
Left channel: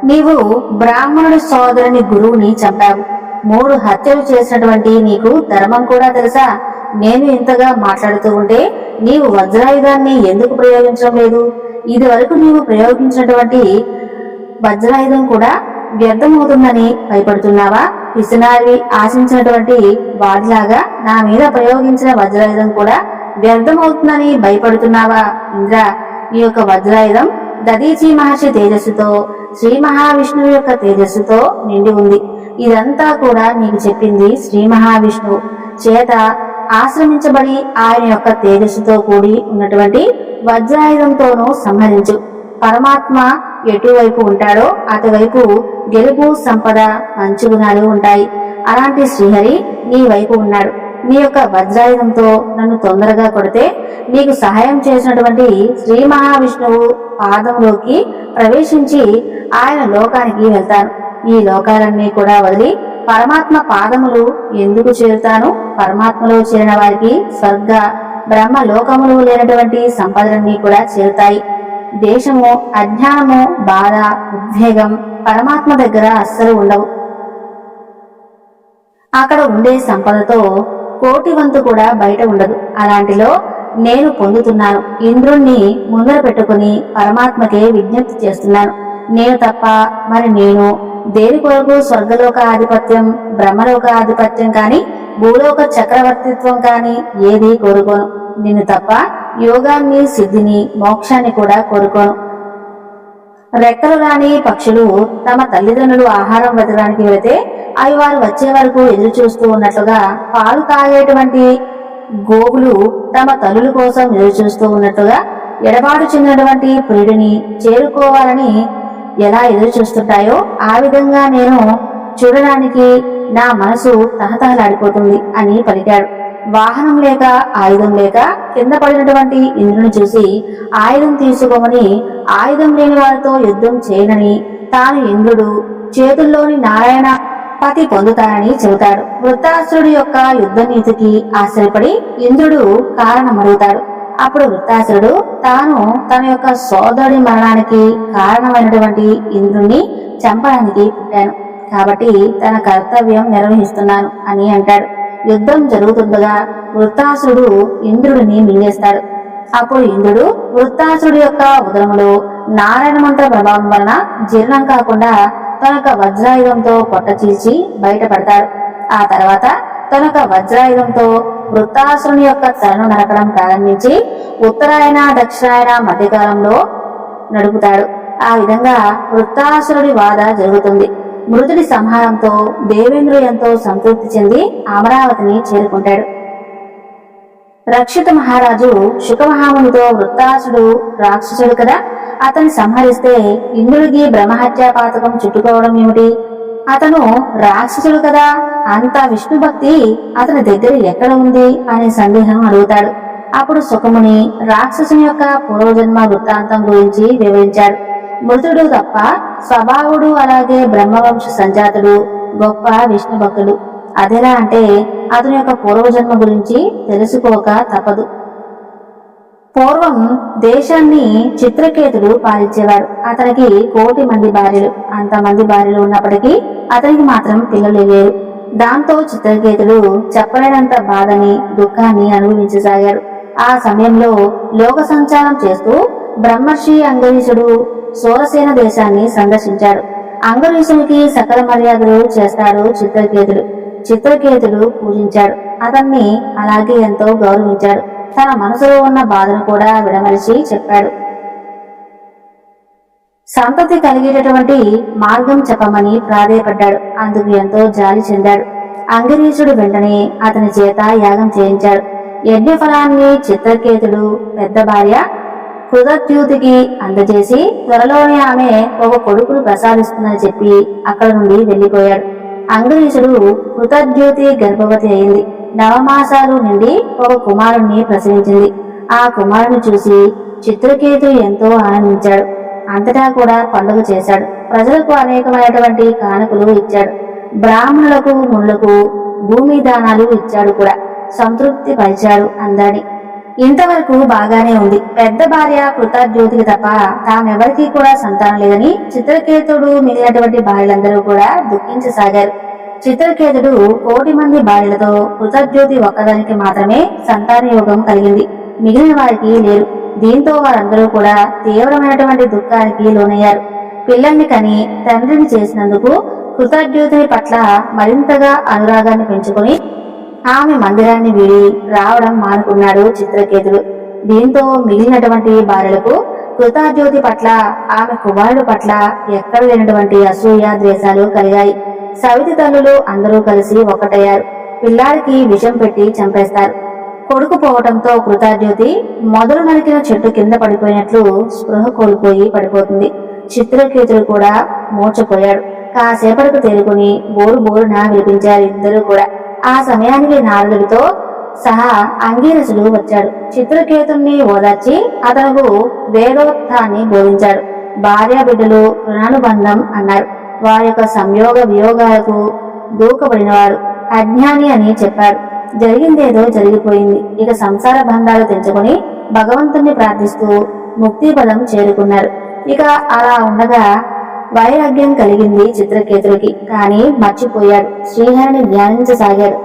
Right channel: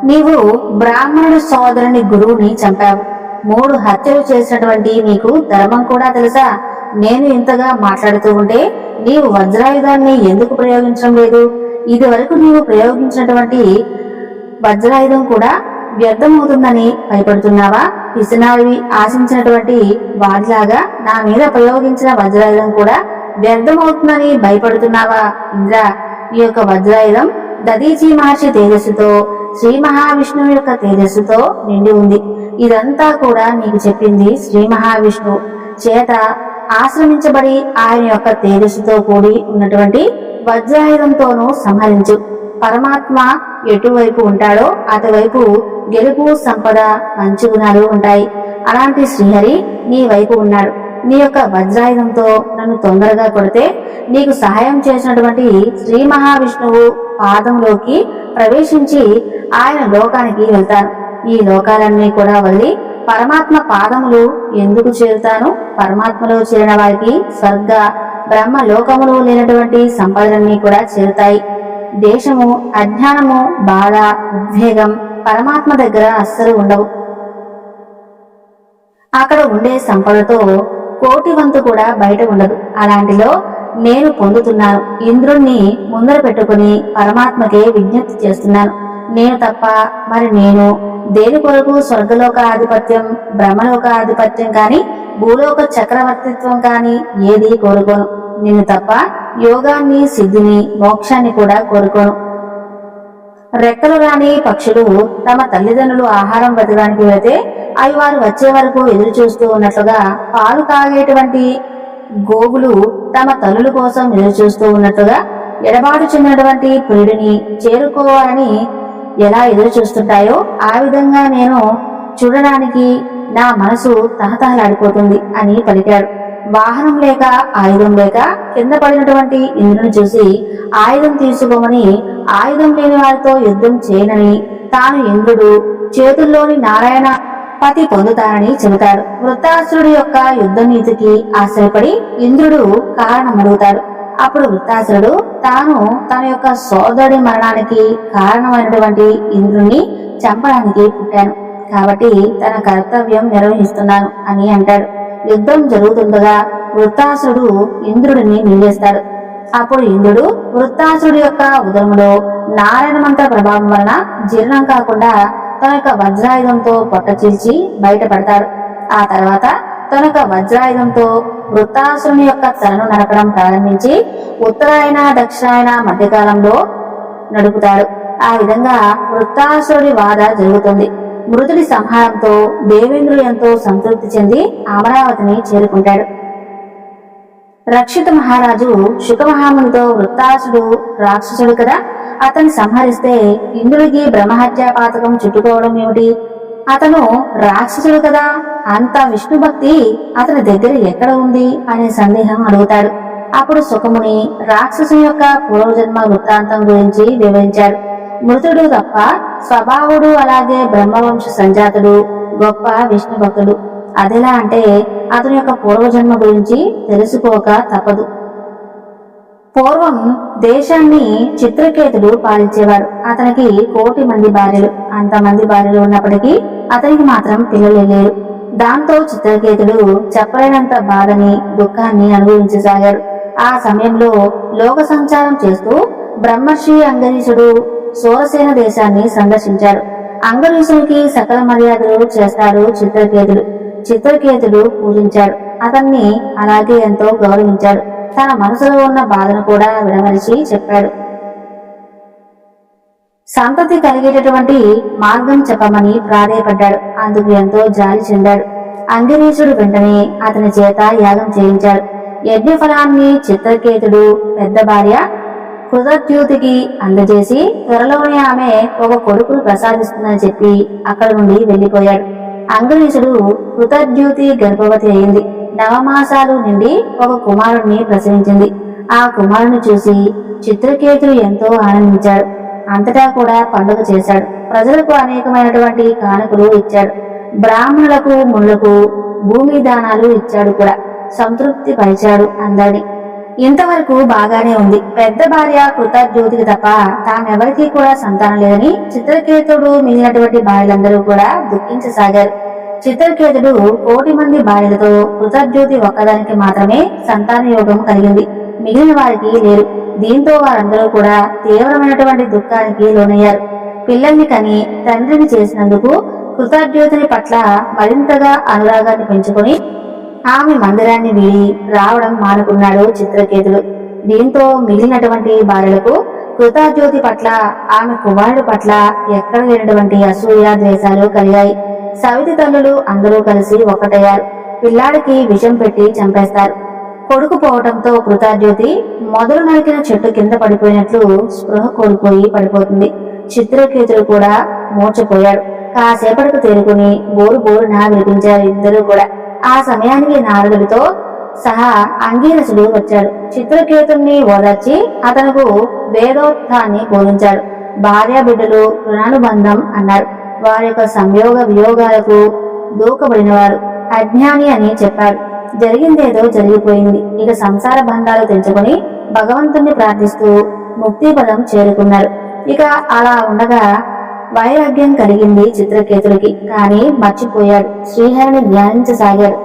నీవు బ్రాహ్మణుడి సోదరుని గురువుని చంపావు. మూడు హత్యలు చేసినటువంటి నీకు ధర్మం కూడా తెలుసా? నేను ఇంతగా మాట్లాడుతూ ఉంటే నీవు వజ్రాయుధాన్ని ఎందుకు ప్రయోగించడం లేదు? ఇది వరకు నీవు ప్రయోగించినటువంటి వజ్రాయుధం కూడా వ్యర్థమవుతుందని భయపడుతున్నావా? పిసినారివి ఆశించినటువంటి వాడిలాగా నా మీద ప్రయోగించిన వజ్రాయుధం కూడా వ్యర్థమవుతుందని భయపడుతున్నావా? ఇంద్ర ఈ యొక్క వజ్రాయుధం దదీచి మహర్షి తేజస్సుతో శ్రీ మహావిష్ణువు యొక్క తేజస్సుతో నిండి ఉంది. ఇదంతా కూడా నీకు చెప్పింది శ్రీ మహావిష్ణువు. చేత ఆశ్రమించబడి ఆయన యొక్క తేజస్సుతో కూడి ఉన్నటువంటి వజ్రాయుధంతోనూ సంహరించు. పరమాత్మ ఎటువైపు ఉంటాడో అటువైపు గెలుపు సంపద మంచి గుణాలు ఉంటాయి. అలాంటి శ్రీహరి నీ వైపు ఉన్నాడు. నీ యొక్క వజ్రాయుధంతో నన్ను తొందరగా కొడితే నీకు సహాయం చేసినటువంటి శ్రీ మహావిష్ణువు పాదంలోకి ప్రవేశించి ఆయన లోకానికి వెళ్తాను. ఈ లోకాలన్నీ కూడా వదిలి పరమాత్మ పాదములు ఎందుకు చేరుతాను? పరమాత్మలో చేరిన వారికి స్వర్గ బ్రహ్మ లోకములు లేనటువంటి సంపదలన్నీ కూడా చేరుతాయి. దేశము అజ్ఞానము బాధ ఉద్వేగం పరమాత్మ దగ్గర అస్సలు ఉండవు. అక్కడ ఉండే సంపదతో కోటి వంతు కూడా బయట ఉండదు. అలాంటిలో నేను పొందుతున్నాను. ఇంద్రుణ్ణి ముందర పెట్టుకుని పరమాత్మకే విజ్ఞప్తి చేస్తున్నాను. నేను తప్ప మరి నేను దేని కొరకు స్వర్గలోక ఆధిపత్యం బ్రహ్మలోక ఆధిపత్యం కాని భూలోక చక్రవర్తిత్వం కాని ఏది కోరుకోను. నిన్ను తప్ప యోగాన్ని సిద్ధిని మోక్షాన్ని కూడా కోరుకోను. రెక్కలు రాని పక్షులు తమ తల్లిదండ్రులు ఆహారం వెతకడానికి వెళితే అవి వారు వచ్చే వరకు ఎదురు చూస్తూ ఉన్నట్లుగా పాలు తాగేటువంటి గోవులు తమ తల్లుల కోసం ఎదురు చూస్తూ ఉన్నట్లుగా ఎడబాటు చెందినటువంటి పురుడిని చేరుకోవాలని ఎలా ఎదురు చూస్తుంటాయో ఆ విధంగా నేను చూడడానికి నా మనసు తహతహలాడిపోతుంది అని పలికాడు. వాహనం లేక ఆయుధం లేక కింద పడినటువంటి ఇంద్రుని చూసి ఆయుధం తీసుకోమని ఆయుధం లేని వారితో యుద్ధం చేయనని తాను ఇంద్రుడు చేతుల్లోని నారాయణ పతి పొందుతానని చెబుతాడు. వృత్తాసురుడి యొక్క యుద్ధ నీతికి ఆశ్చర్యపడి ఇంద్రుడు కారణం అడుగుతాడు అప్పుడు వృత్తాసురుడు తాను తన యొక్క సోదరుడి మరణానికి కారణమైనటువంటి ఇంద్రుణ్ణి చంపడానికి పుట్టాను. కాబట్టి తన కర్తవ్యం నిర్వహిస్తున్నాను అని అంటాడు. యుద్ధం జరుగుతుండగా వృత్తాసురుడు ఇంద్రుడిని మింగేస్తాడు. అప్పుడు ఇంద్రుడు వృత్తాసురుడి యొక్క ఉదరములో నారాయణ మంత్ర ప్రభావం వలన జీర్ణం కాకుండా తన యొక్క వజ్రాయుధంతో పొట్ట చీల్చి బయటపడతాడు. ఆ తర్వాత తన వజ్రాయుధంతో వృత్తాసురుని యొక్క తలను నరకడం ప్రారంభించి ఉత్తరాయణ దక్షిణాయన మధ్యకాలంలో నడుపుతాడు. ఆ విధంగా వృత్తాసురుడి వాద జరుగుతుంది. మృతుడి సంహారంతో దేవేంద్రుడు ఎంతో సంతృప్తి చెంది అమరావతిని చేరుకుంటాడు. రక్షిత మహారాజు శుకమహామునితో వృత్తాసుడు రాక్షసుడు కదా. అతన్ని సంహరిస్తే ఇంద్రుడికి బ్రహ్మహత్యా పాతకం చుట్టుకోవడం ఏమిటి? అతను రాక్షసుడు కదా అంత విష్ణు భక్తి అతని దగ్గర ఎక్కడ ఉంది అనే సందేహం అడుగుతాడు. అప్పుడు సుఖముని రాక్షసుని యొక్క పూర్వజన్మ వృత్తాంతం గురించి వివరించాడు. మృతుడు తప్ప స్వభావుడు అలాగే బ్రహ్మవంశ సంజాతుడు గొప్ప విష్ణు భక్తుడు. అదెలా అంటే అతని యొక్క పూర్వజన్మ గురించి తెలుసుకోక తప్పదు. పూర్వం దేశాన్ని చిత్రకేతుడు పాలించేవాడు. అతనికి కోటి మంది భార్యలు. అంతమంది భార్యలు ఉన్నప్పటికీ అతనికి మాత్రం పిల్లలు లేరు. దాంతో చిత్రకేతుడు చెప్పలేనంత బాధని దుఃఖాన్ని అనుభవించసాగాడు. ఆ సమయంలో లోక సంచారం చేస్తూ బ్రహ్మర్షి అంగరీషుడు సూరసేన దేశాన్ని సందర్శించాడు. అంగరీషునికి సకల మర్యాదలు చేస్తాడు చిత్రకేతుడు. చిత్రకేతుడు పూజించాడు. అతన్ని అలాగే ఎంతో గౌరవించాడు. తన మనసులో ఉన్న బాధను కూడా విడమరిచి చెప్పాడు. సంతతి కలిగేటటువంటి మార్గం చెప్పమని ప్రాధేయపడ్డాడు. అందుకు ఎంతో జాలి చెందాడు. అంగిరీషుడు వెంటనే అతని చేత యాగం చేయించాడు. యజ్ఞఫలాన్ని చిత్రకేతుడు పెద్ద భార్య కృతద్యూతికి అందజేసి త్వరలోనే ఆమె ఒక కొడుకును ప్రసాదిస్తుందని చెప్పి అక్కడి నుండి వెళ్ళిపోయాడు అంగరీషుడు కృతద్యూతి గర్భవతి అయింది. నవమాసాలు నిండి ఒక కుమారుణ్ణి ప్రసవించింది. ఆ కుమారుని చూసి చిత్రకేతుడు ఎంతో ఆనందించాడు. అంతటా కూడా పండుగ చేశాడు. ప్రజలకు అనేకమైనటువంటి కానుకలు ఇచ్చాడు. బ్రాహ్మణులకు మునులకు భూమి దానాలు ఇచ్చాడు కూడా. సంతృప్తి పరిచాడు అందరిని. ఇంతవరకు బాగానే ఉంది. పెద్ద భార్య కృతజ్యోతికి తప్ప తామెవరికీ కూడా సంతానం లేదని చిత్రకేతుడు మిగిలినటువంటి భార్యలందరూ కూడా దుఃఖించసాగారు. చిత్రకేతుడు కోటి మంది భార్యలతో కృతజ్యోతి ఒక్కదానికి మాత్రమే సంతాన యోగం కలిగింది. మిగిలిన వారికి లేరు. దీంతో వారందరూ కూడా తీవ్రమైనటువంటి దుఃఖానికి లోనయ్యారు. పిల్లల్ని కని తండ్రిని చేసినందుకు కృతజ్యోతిని పట్ల మరింతగా అనురాగాన్ని పెంచుకొని ఆమె మందిరాన్ని వీడి రావడం మానుకున్నాడు చిత్రకేతుడు. దీంతో మిగిలినటువంటి భార్యలకు కృతాజ్యోతి పట్ల ఆమె కుమారుడు పట్ల ఎక్కడ లేనటువంటి అసూయ ద్వేషాలు కలిగాయి. సవితి తల్లులు అందరూ కలిసి ఒక్కటయ్యారు. పిల్లాడికి విషం పెట్టి చంపేస్తారు. కొడుకు పోవటంతో కృతాజ్యోతి మొదలు నరికిన చెట్టు కింద పడిపోయినట్లు స్పృహ కోల్పోయి పడిపోతుంది. చిత్రకేతుడు కూడా మూర్చపోయాడు కాసేపటికి తేరుకుని బోరు బోరున వినిపించారు ఇద్దరూ కూడా. ఆ సమయానికి నారదుడితో సహా అంగీరసుడు వచ్చాడు. చిత్రకేతుణ్ణి ఓదార్చి అతనుకు వేదోత్థాన్ని బోధించాడు. భార్య బిడ్డలు రుణానుబంధం అన్నారు. వారి యొక్క సంయోగ వియోగాలకు దూకబడినవాడు. అజ్ఞాని అని చెప్పాడు. జరిగిందేదో జరిగిపోయింది. ఇక సంసార బంధాలు తెంచుకొని భగవంతుణ్ణి ప్రార్థిస్తూ ముక్తి పదం చేరుకున్నారు. ఇక అలా ఉండగా వైరాగ్యం కలిగింది చిత్రకేతుడికి. కానీ మర్చిపోయాడు. శ్రీహరిని ధ్యానించసాగాడు.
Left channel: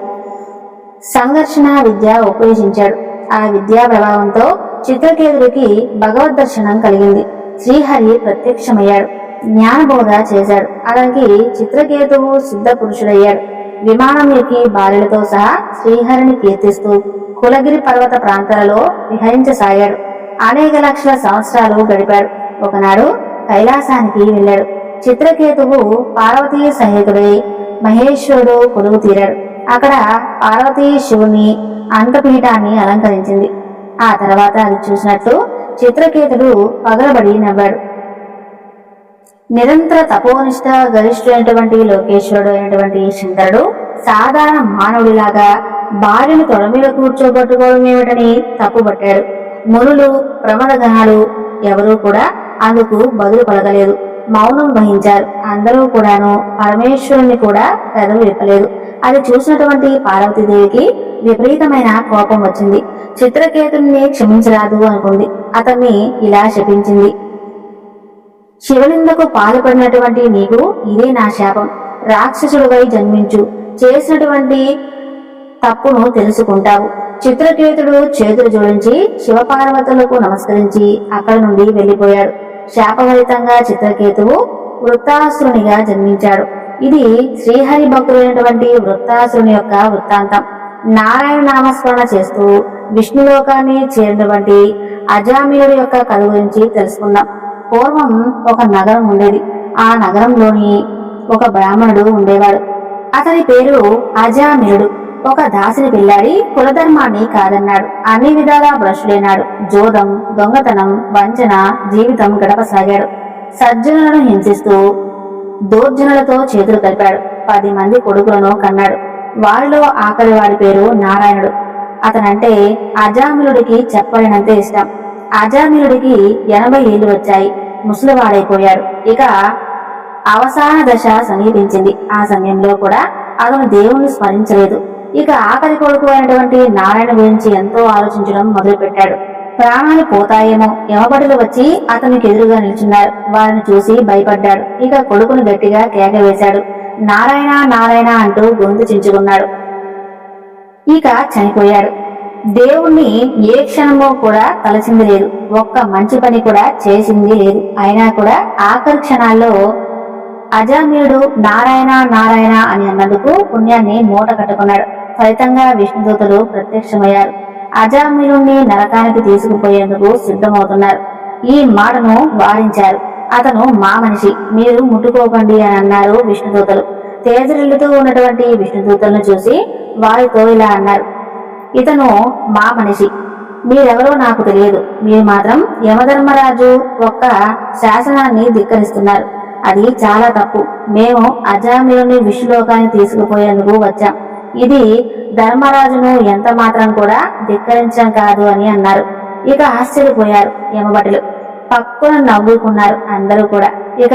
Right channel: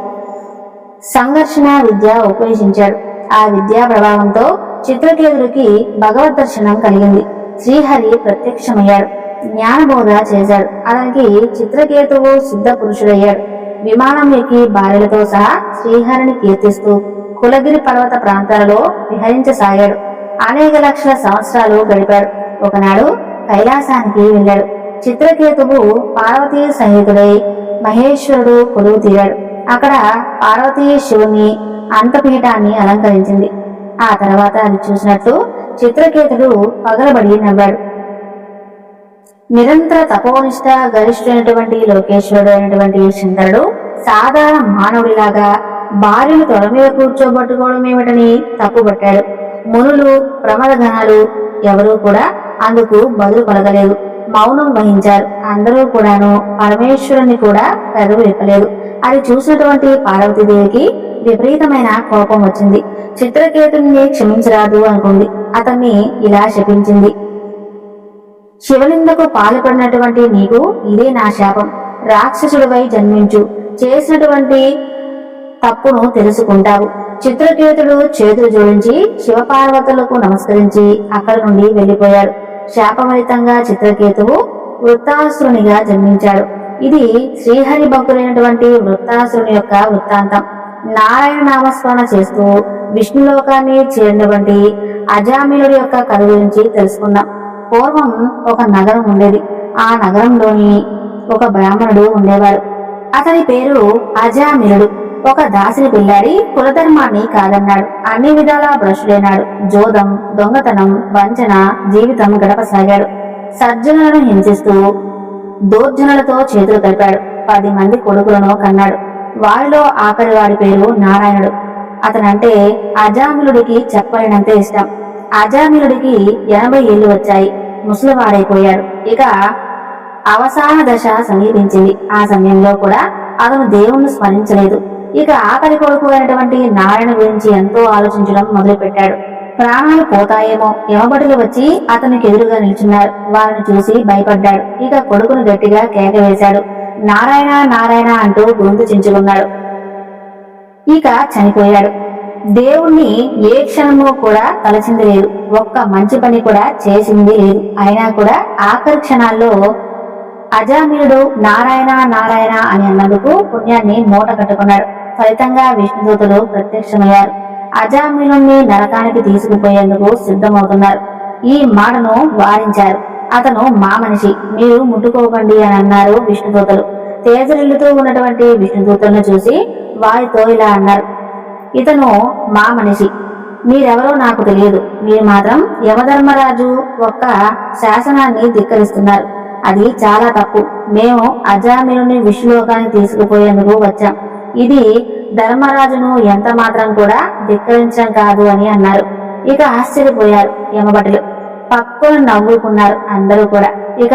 సంఘర్షణ విద్య ఉపదేశించాడు. ఆ విద్యా ప్రభావంతో చిత్రకేతుడికి భగవద్ దర్శనం కలిగింది. శ్రీహరి ప్రత్యక్షమయ్యాడు. జ్ఞానబోధ చేశాడు. అతనికి చిత్రకేతువు సిద్ధ పురుషుడయ్యాడు. విమానం ఎక్కి భార్యలతో సహా శ్రీహరిని కీర్తిస్తూ కులగిరి పర్వత ప్రాంతాలలో విహరించసాగాడు. అనేక లక్షల సంవత్సరాలు గడిపాడు. ఒకనాడు కైలాసానికి వెళ్ళాడు. చిత్రకేతువు పార్వతీ సహితుడై మహేశ్వరుడు కొలువు తీరాడు. అక్కడ పార్వతీ శివుని అంతపీఠాన్ని అలంకరించింది. ఆ తర్వాత అది చూసినట్టు చిత్రకేతుడు పగలబడి నవ్వాడు. నిరంతర తపోనిష్ట గరిష్ఠుడైనటువంటి లోకేశ్వరుడు అయినటువంటి శంకరుడు సాధారణ మానవుడిలాగా భార్యను తొడ మీద కూర్చోబట్టుకోవడం ఏమిటని తప్పుబట్టాడు మునులు ప్రమద గణాలు ఎవరూ కూడా అందుకు బదులు పలకలేదు. మౌనం వహించారు. అందరూ కూడాను పరమేశ్వరుణ్ణి కూడా పెదవి విప్పలేదు. అది చూసినటువంటి పార్వతీదేవికి విపరీతమైన కోపం వచ్చింది. చిత్రకేతుని క్షమించరాదు అనుకుంది. అతన్ని ఇలా శపించింది. శివనిందకు పాల్పడినటువంటి నీకు ఇదే నా శాపం. రాక్షసుడివై జన్మించు. చేసినటువంటి తప్పును తెలుసుకుంటావు. చిత్రకేతుడు చేతులు జోడించి శివపార్వతులకు నమస్కరించి అక్కడి నుండి వెళ్ళిపోయాడు శాపఫలితంగా చిత్రకేతువు వృత్తాసురునిగా జన్మించాడు. ఇది శ్రీహరి భక్తులైనటువంటి వృత్తాసురుని యొక్క వృత్తాంతం. నారాయణ నామస్మరణ చేస్తూ విష్ణులోకాన్ని చేరినటువంటి అజామిలుడి యొక్క కథ గురించి తెలుసుకుందాం. పూర్వం ఒక నగరం ఉండేది. ఆ నగరంలోని ఒక బ్రాహ్మణుడు ఉండేవాడు. అతని పేరు అజామిరుడు. ఒక దాసిని పెళ్ళాడి కులధర్మాన్ని కాదన్నాడు. అన్ని విధాలా భ్రష్డైనాడు జోదం దొంగతనం వంచన జీవితం గడపసాగాడు. సజ్జనులను హింసిస్తూ దోర్జనులతో చేతులు కలిపాడు. పది మంది కొడుకులను కన్నాడు. వారిలో ఆఖరి వాడి పేరు నారాయణుడు. అతనంటే అజామిలుడికి చెప్పలేనంత ఇష్టం. అజామిలుడికి ఎనభై ఏళ్ళు వచ్చాయి. ముసలివాడైపోయాడు. ఇక అవసాన దశ సమీపించింది. ఆ సమయంలో కూడా అతను దేవుణ్ణి స్మరించలేదు. ఇక ఆఖరి కొడుకు అయినటువంటి నారాయణ గురించి ఎంతో ఆలోచించడం మొదలుపెట్టాడు. ప్రాణాలు పోతాయేమో. యమబడులు వచ్చి అతనికి ఎదురుగా నిల్చున్నారు. వారిని చూసి భయపడ్డాడు. ఇక కొడుకును గట్టిగా కేక వేశాడు నారాయణ నారాయణ అంటూ గొంతు చించుకున్నాడు. ఇక చనిపోయాడు. దేవుణ్ణి ఏ క్షణమో కూడా తలచింది లేదు. ఒక్క మంచి పని కూడా చేసింది లేదు. అయినా కూడా ఆఖరి క్షణాల్లో అజామీరుడు నారాయణ నారాయణ అని అన్నందుకు పుణ్యాన్ని మూట కట్టుకున్నాడు. ఫలితంగా విష్ణుదూతులు ప్రత్యక్షమయ్యారు. అజామీరుణ్ణి నరకానికి తీసుకుపోయేందుకు సిద్ధమవుతున్నారు. ఈ మాటను వారించారు. అతను మా మనిషి మీరు ముట్టుకోకండి అని అన్నారు విష్ణుదూతలు. తేజరిల్లుతూ ఉన్నటువంటి విష్ణుదూతలను చూసి వారితో ఇలా అన్నారు. ఇతను మా మనిషి. మీరెవరో నాకు తెలియదు. మీరు మాత్రం యమధర్మరాజు ఒక్క శాసనాన్ని ధిక్కరిస్తున్నారు. అది చాలా తప్పు. మేము అజామిలుని విష్ణులోకాన్ని తీసుకుపోయేందుకు వచ్చాం. ఇది ధర్మరాజును ఎంత మాత్రం కూడా ధిక్కరించడం కాదు అని అన్నారు. ఇక ఆశ్చర్యపోయారు యమభటులు. పక్కున నవ్వుకున్నారు అందరూ కూడా. ఇక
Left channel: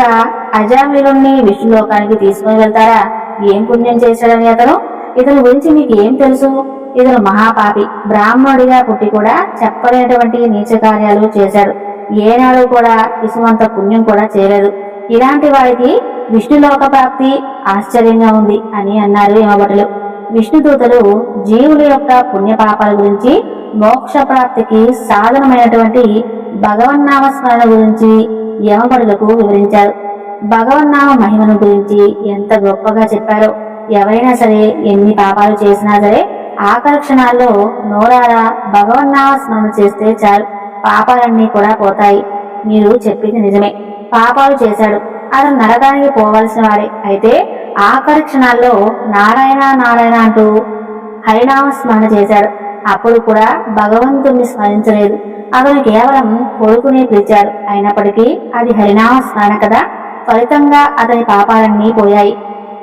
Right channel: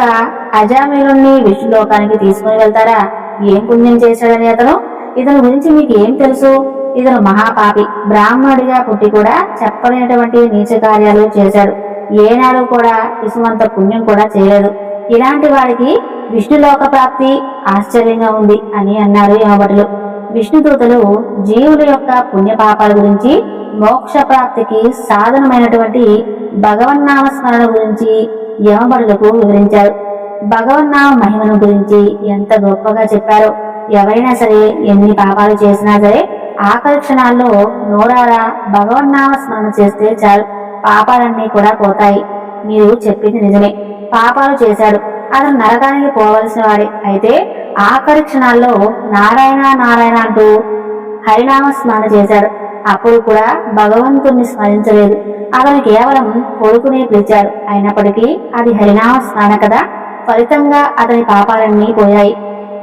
అజామిలుణ్ణి విష్ణులోకానికి తీసుకుని వెళ్తారా? ఏం పుణ్యం చేశాడని అతను? ఇతని గురించి మీకు ఏం తెలుసు? ఇతను మహాపాపి. బ్రాహ్మణుడిగా పుట్టి కూడా చెప్పలేనటువంటి నీచ కార్యాలు చేశాడు. ఏనాడు కూడా ఇసుమంత పుణ్యం కూడా చేయలేదు. ఇలాంటి వాడికి విష్ణులోక ప్రాప్తి ఆశ్చర్యంగా ఉంది అని అన్నారు యమభటులు. విష్ణుదూతలు జీవుల యొక్క పుణ్యపాపాల గురించి మోక్ష ప్రాప్తికి సాధనమైనటువంటి భగవన్నామ స్మరణ గురించి యమభటులకు వివరించారు. భగవన్నామ మహిమను గురించి ఎంత గొప్పగా చెప్పారో ఎవరైనా సరే ఎన్ని పాపాలు చేసినా సరే ఆఖరి క్షణాల్లో నోరారా భగవన్నామ స్మరణ చేస్తే చాలు. పాపాలన్నీ కూడా పోతాయి. మీరు చెప్పింది నిజమే. పాపాలు చేశాడు. అతను నరకానికి పోవలసిన వాడే అయితే ఆఖరి క్షణాల్లో నారాయణ నారాయణ అంటూ హరినామ స్మరణ చేశాడు. అప్పుడు కూడా భగవంతుణ్ణి స్మరించలేదు. అతను కేవలం కొడుకునే పిలిచాడు. అయినప్పటికీ అది హరినామ స్మరణ కదా. ఫలితంగా అతని పాపాలన్నీ పోయాయి.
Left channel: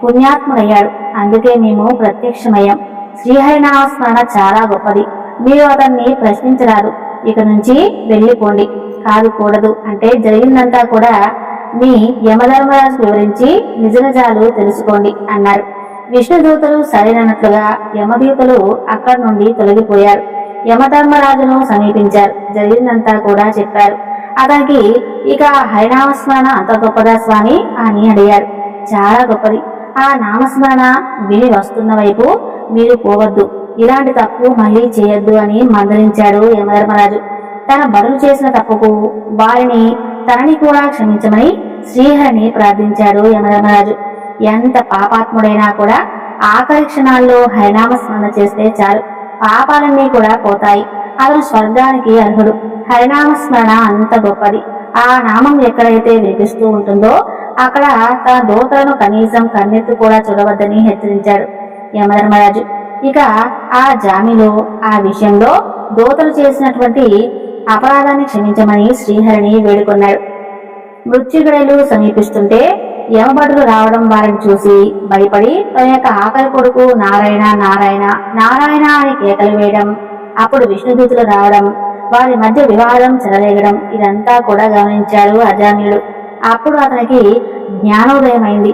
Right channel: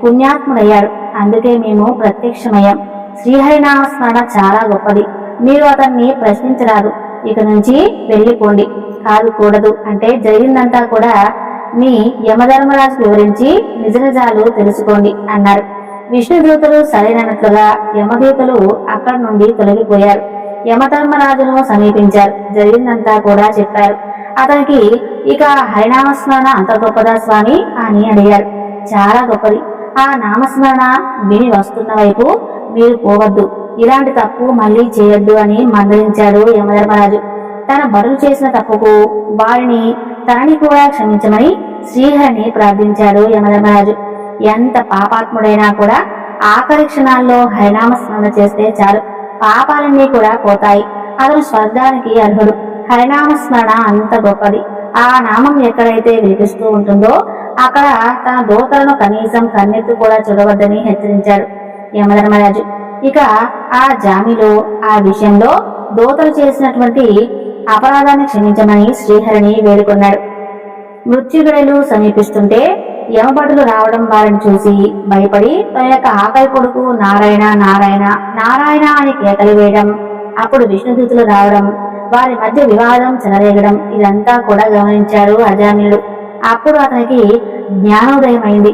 పుణ్యాత్ముడయ్యాడు. అందుకే మేము ప్రత్యక్షమయ్యాం. శ్రీహరినామ స్మరణ చాలా గొప్పది. మీరు అతన్ని ప్రశ్నించరాదు. ఇక నుంచి వెళ్ళిపోండి. కాదు కూడదు. అంటే జరిగిందంతా కూడా మీ యమధర్మరాజు వివరించి నిజ నిజాలు తెలుసుకోండి అన్నారు. విష్ణుదూతలు సరైనట్లుగా యమదూతలు అక్కడి నుండి తొలగిపోయారు. యమధర్మరాజును సమీపించారు. జరిగిందంతా కూడా చెప్పారు. అతనికి ఇక హరినామస్మరణ అంత గొప్పదా స్వామి అని అడిగారు. చాలా గొప్పది. ఆ నామస్మరణ విని వస్తున్న వైపు మీరు పోవద్దు. ఇలాంటి తప్పు మళ్ళీ చేయొద్దు అని మందలించాడు యమధర్మరాజు. తన బరులు చేసిన తప్పుకు వారిని తనని కూడా క్షమించమని శ్రీహరిని ప్రార్థించాడు యమధర్మరాజు. ఎంత పాపాత్ముడైనా కూడా ఆఖరి క్షణాల్లో హరినామ స్మరణ చేస్తే చాలు. పాపాలన్నీ కూడా పోతాయి. అతను స్వర్గానికి అర్హుడు. హరినామ స్మరణ అంత గొప్పది. ఆ నామం ఎక్కడైతే వినిపిస్తూ ఉంటుందో అక్కడ తన దోతలను కనీసం కన్నెత్తు కూడా చూడవద్దని హెచ్చరించాడు. యమధర్మరాజు. ఇక ఆ జామిలో ఆ విషయంలో దోతలు చేసినటువంటి అపరాధాన్ని క్షమించమని శ్రీహరిని వేడుకున్నాడు. మృత్యుగడలు సమీపిస్తుంటే యమభటులు రావడం వారిని చూసి భయపడి తన యొక్క ఆకలి కొడుకు నారాయణ నారాయణ నారాయణ అని కేకలు వేయడం అప్పుడు విష్ణుదూతులు రావడం వారి మధ్య వివాదం చెలరేగడం ఇదంతా కూడా గమనించాడు అజామిలుడు అప్పుడు అతనికి జ్ఞానోదయం అయింది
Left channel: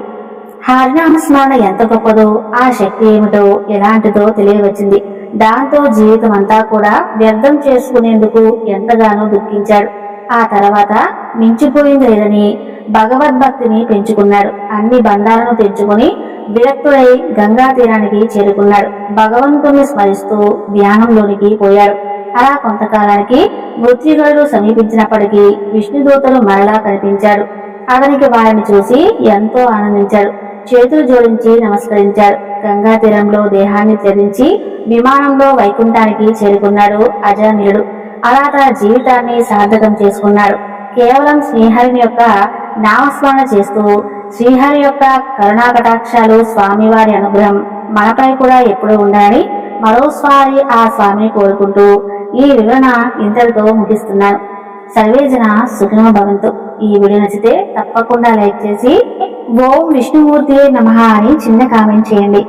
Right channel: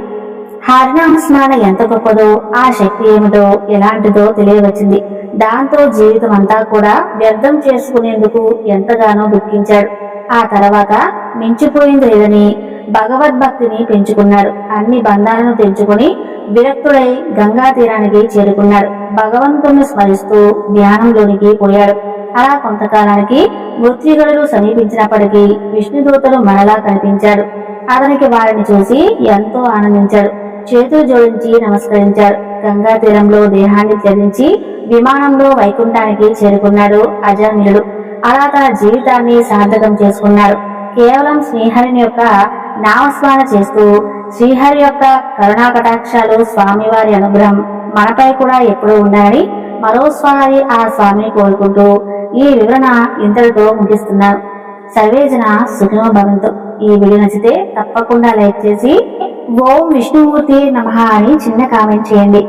హరినామస్మరణ ఎంత గొప్పదో ఆ శక్తి ఏమిటో ఎలాంటిదో తెలియవచ్చింది. దాంతో జీవితం అంతా కూడా వ్యర్థం చేసుకునేందుకు ఎంతగానో దుఃఖించాడు. ఆ తర్వాత మించిపోయింది లేదని భగవద్భక్తిని పెంచుకున్నాడు. అన్ని బంధాలను తెంచుకొని విరక్తుడై గంగా తీరానికి చేరుకున్నాడు. భగవంతుణ్ణి స్మరిస్తూ ధ్యానంలోనికి పోయాడు. అలా కొంతకాలానికి మృత్యుగడులు సమీపించినప్పటికీ విష్ణుదూతలు మరలా కనిపించాడు. అతనికి వారిని చూసి ఎంతో ఆనందించాడు. చేతులు జోడించి నమస్కరించారు. గంగా తీరంలో దేహాన్ని త్యజించి విమానంలో వైకుంఠానికి చేరుకున్నాడు అజామిలుడు అలా తన జీవితాన్ని సార్థకం చేసుకున్నాడు. కేవలం శ్రీహరిని యొక్క నామస్మరణ చేస్తూ శ్రీహరి యొక్క కరుణా కటాక్షాలు స్వామివారి అనుగ్రహం మనపై కూడా ఎప్పుడూ ఉండాలని మరోసారి ఆ స్వామిని కోరుకుంటూ ఈ వివరణ ఇంతటితో ముగిస్తున్నాను. సర్వేజన సుఖినో భవంతు. ఈ వీడియో నచ్చితే తప్పకుండా లైక్ చేసి ఓం విష్ణుమూర్తి నమః అని చిన్న కామెంట్ చేయండి.